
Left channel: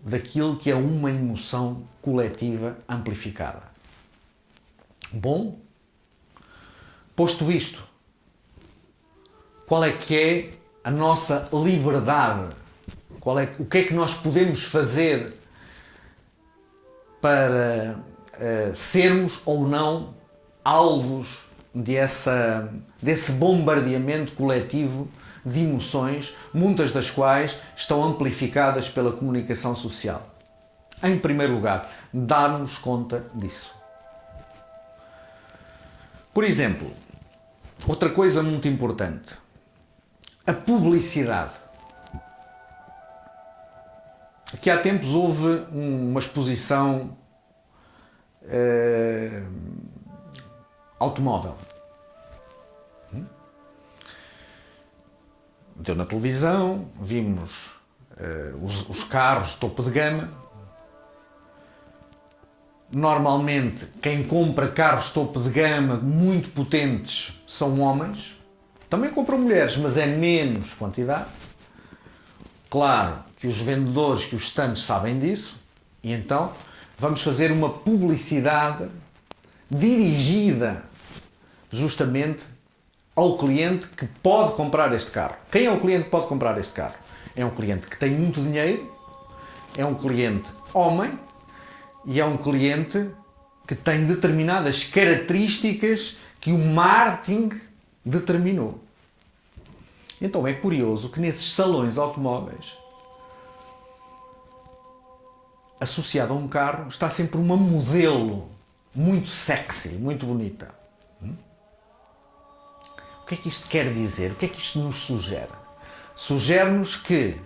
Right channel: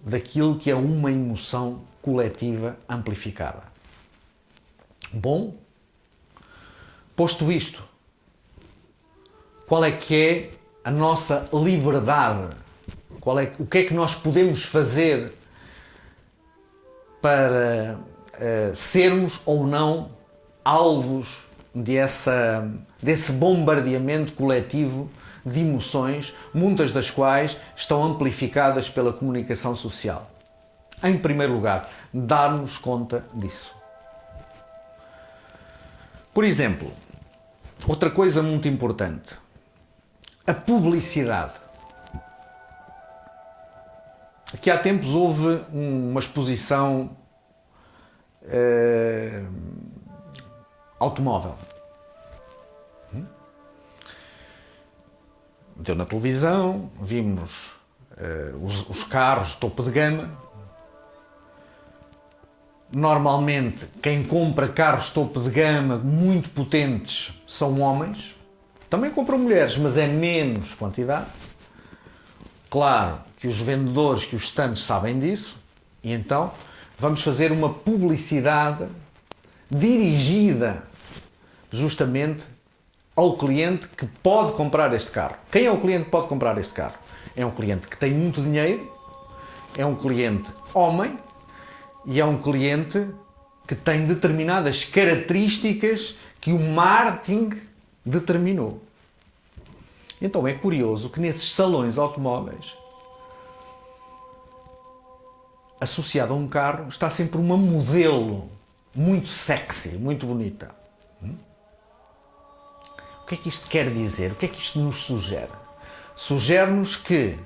daquilo que é uma emoção coletiva amplificada. Bom, posto isto, qual é que é a nossa liberdade? O que é que nós podemos fazer para sermos ou não alvos desse bombardeamento coletivo de emoções, muitas das quais estão amplificadas pela comunicação social? Em primeiro lugar, darmos conta disso. Por exemplo, outra coisa muito importante, a publicidade. Aqui há tempos houve uma exposição automóvel. Deu na televisão, vimos os carros topo de gama. Normalmente, quem compra carros topo de gama muito potentes são homens. Também compram mulheres, mas é menos quantidade. Claro que os vendedores, que os estandes sabem disso. E então, vamos fazer uma publicidade dirigida justamente ao cliente que pode comprar este carro. Quem é o cliente que pode comprar este carro? É um cliente que tem muito dinheiro, é um cliente homem e é um cliente que tem determinadas características que o marketing determinou. Então é curioso que nesses salões automóveis, associado a um carro, está sempre uma modelo muito sexy, muito bonita. O que é que isto quer dizer? O que é que isto nos sugere? Sugere-nos que,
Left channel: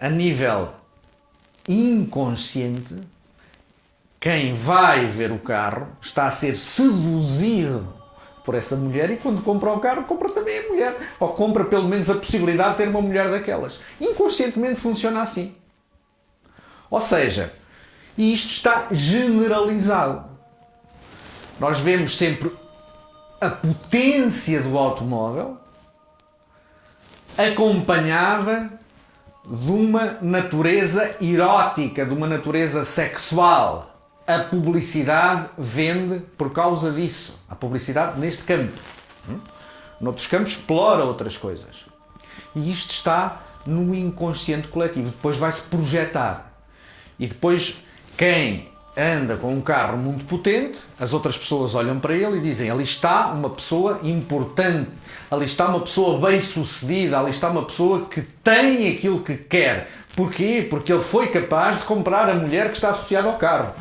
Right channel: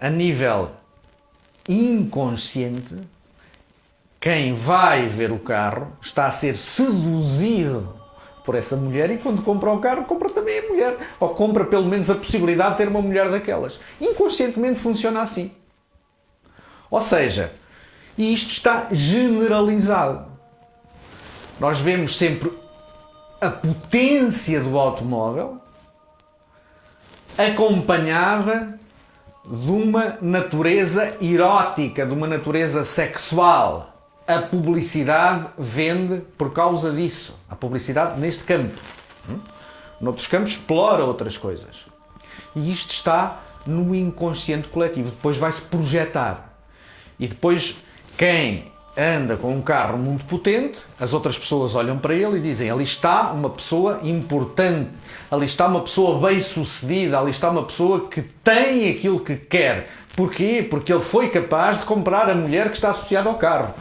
a nível inconsciente, quem vai ver o carro está a ser seduzido por essa mulher e quando compra o carro, compra também a mulher. Ou compra pelo menos a possibilidade de ter uma mulher daquelas. Inconscientemente funciona assim. Ou seja, isto está generalizado. Nós vemos sempre a potência do automóvel acompanhada de uma natureza erótica, de uma natureza sexual. A publicidade vende por causa disso. A publicidade neste campo. Noutros campos explora outras coisas. E isto está no inconsciente coletivo. Depois vai-se projetar. E depois quem anda com um carro muito potente, as outras pessoas olham para ele e dizem: ali está uma pessoa importante, ali está uma pessoa bem-sucedida, ali está uma pessoa que tem aquilo que quer. Porquê? Porque ele foi capaz de comprar a mulher que está associada ao carro.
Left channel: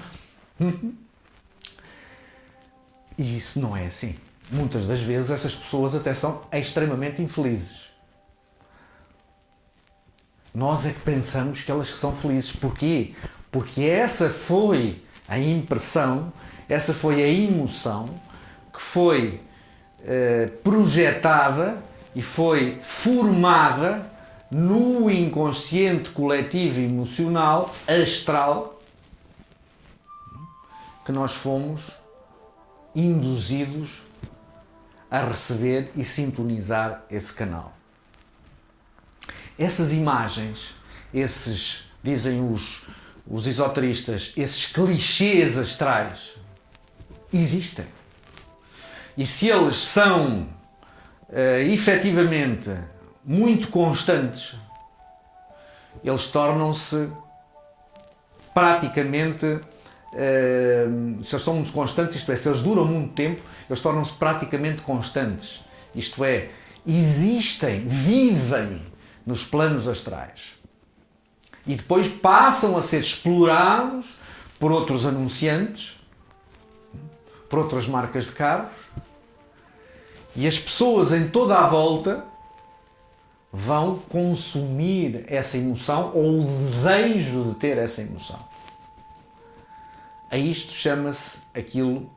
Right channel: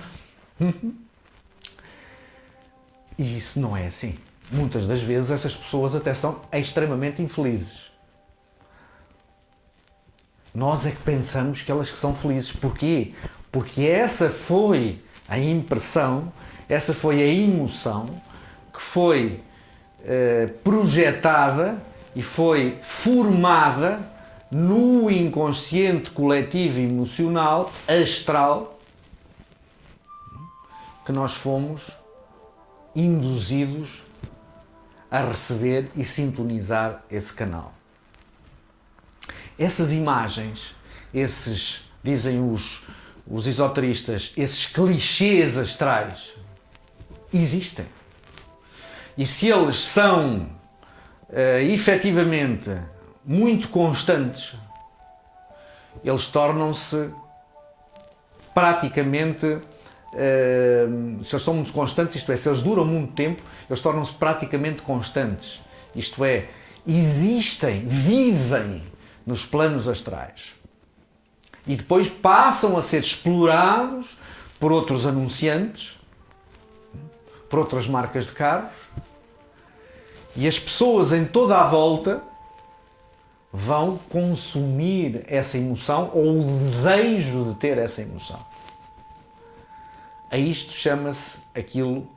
E isso não é assim. Muitas das vezes essas pessoas até são extremamente infelizes. Nós é que pensamos que elas que são felizes. Porquê? Porque essa foi a impressão, essa foi a emoção que foi projetada e foi formada no inconsciente coletivo emocional astral que nós fomos induzidos a receber e sintonizar esse canal. Essas imagens, dizem os esoteristas, esses clichês astrais, existem. E se eles são efetivamente muito constantes, eles tornam-se praticamente se eles são muito constantes, isto é, se eles duram muito tempo, eles tornam-se praticamente constantes. Isto é, existem, vivem nos planos astrais. E depois passam a ser explorados por outros anunciantes, por outras marcas de carros, e as pessoas em toda a volta vão consumir essa emoção ou o desejo de ter essa emoção. A isto chama-se aquilo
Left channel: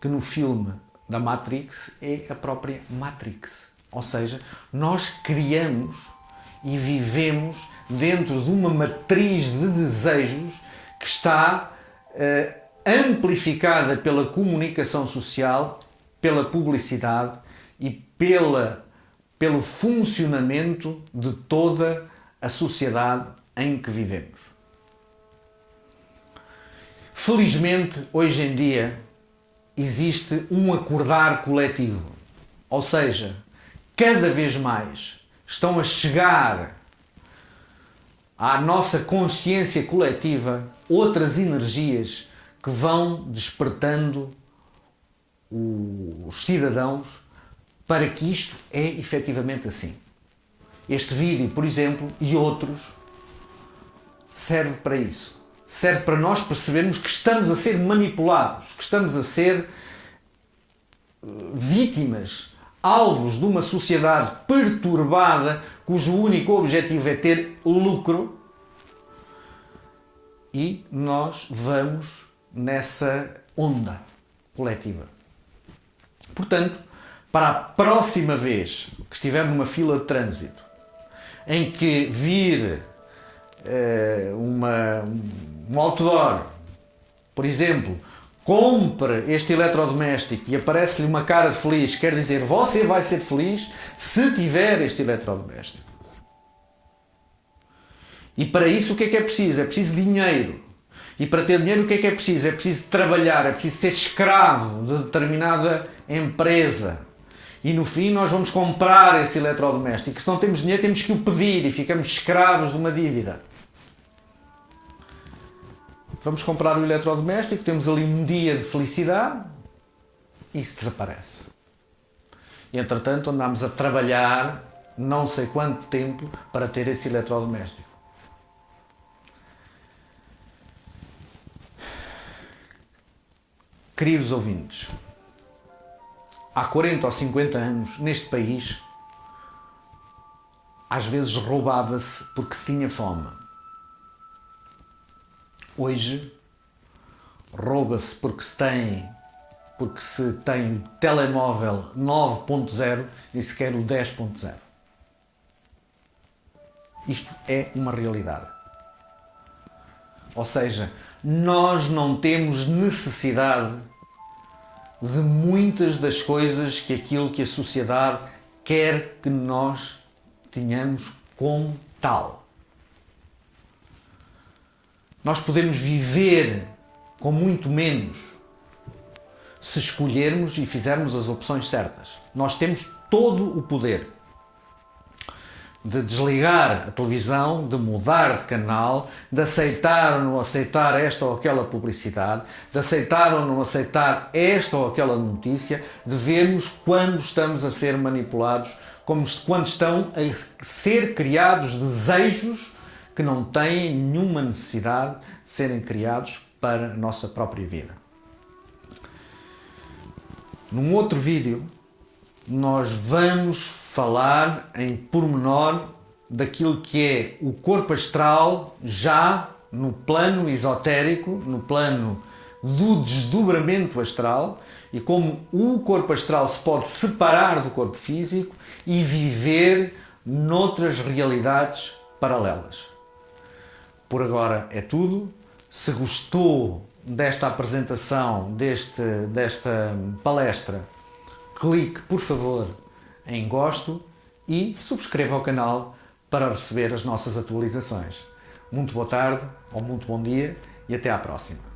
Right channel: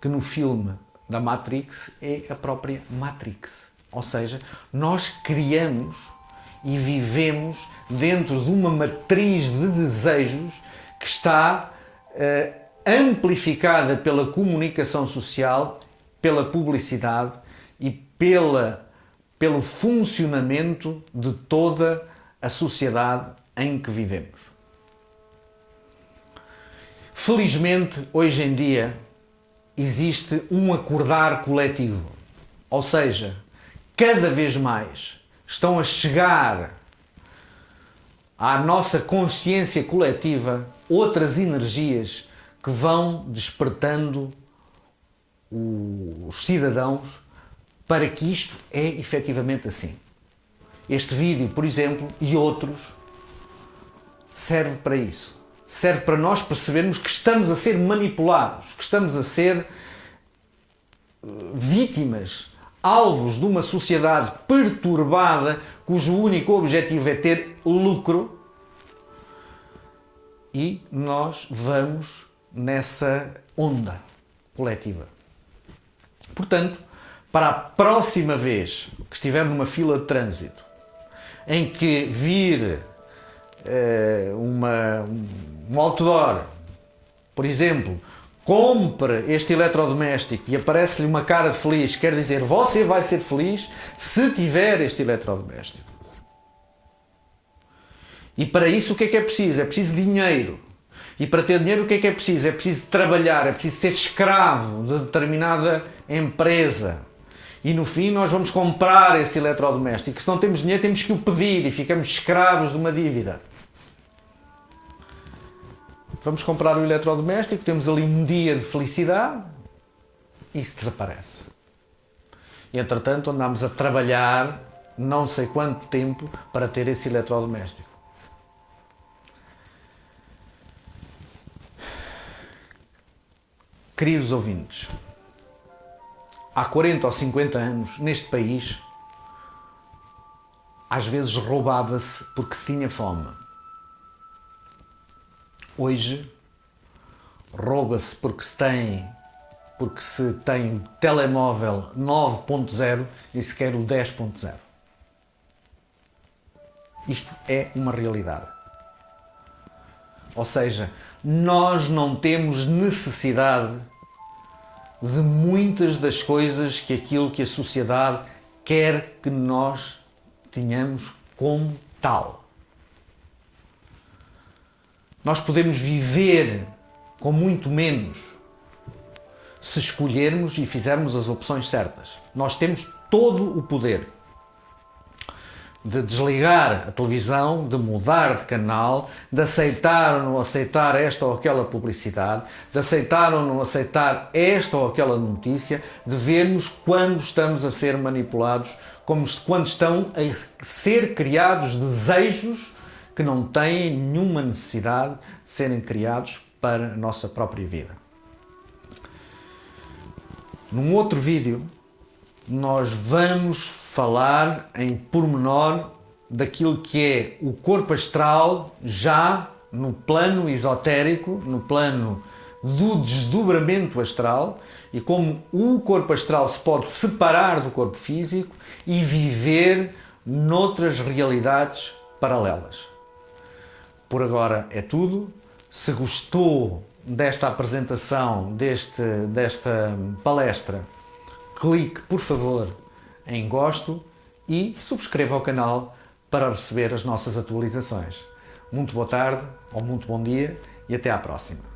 que no filme da Matrix é a própria Matrix. Ou seja, nós criamos e vivemos dentro de uma matriz de desejos que está amplificada pela comunicação social, pela publicidade e pelo funcionamento de toda a sociedade em que vivemos. Felizmente, hoje em dia, existe um acordar coletivo. Ou seja, cada vez mais estão a chegar à nossa consciência coletiva outras energias que vão despertando os cidadãos para que isto é efetivamente assim. Este vídeo, por exemplo, e outros, serve para isso. Serve para nós percebermos que estamos a ser manipulados, que estamos a ser vítimas, alvos de uma sociedade perturbada cujo único objetivo é ter lucro, e nós vamos nessa onda coletiva. Portanto, para a próxima vez que estiver numa fila de trânsito em que vir um outdoor, por exemplo, compre este eletrodoméstico e aparece-lhe uma cara de feliz, quer dizer, você vai ser feliz se tiver este eletrodoméstico. E para isso o que é preciso? É preciso dinheiro. E para ter dinheiro o que é preciso? É preciso trabalhar, é preciso ser escravo de determinada empresa. E no fim nós vamos comprar esse eletrodoméstico. Se não temos dinheiro temos que o pedir e ficamos escravos de uma dívida. Vamos comprar o eletrodoméstico, temos ali um dia de felicidade e isso desaparece. E entretanto andamos a trabalhar não sei quanto tempo para ter esse eletrodoméstico. Queridos ouvintes, há 40 ou 50 anos, neste país, às vezes roubava-se porque se tinha fome. Hoje, rouba-se porque se tem telemóvel 9.0 e sequer o 10.0. Isto é uma realidade. Ou seja, nós não temos necessidade de muitas das coisas que aquilo que a sociedade quer que nós tenhamos como tal. Nós podemos viver com muito menos se escolhermos e fizermos as opções certas. Nós temos todo o poder de desligar a televisão, de mudar de canal, de aceitar ou não aceitar esta ou aquela publicidade, de aceitar ou não aceitar esta ou aquela notícia, de vermos quando estamos a ser manipulados, quando estão a ser criados desejos que não têm nenhuma necessidade de serem criados para a nossa própria vida. Num outro vídeo, nós vamos falar em pormenor daquilo que é o corpo astral já no plano esotérico, no plano do desdobramento astral, e como o corpo astral se pode separar do corpo físico e viver noutras realidades paralelas. Por agora é tudo. Se gostou desta apresentação, desta palestra, clique, por favor, em gosto e subscreva o canal para receber as nossas atualizações. Muito boa tarde ou muito bom dia e até à próxima.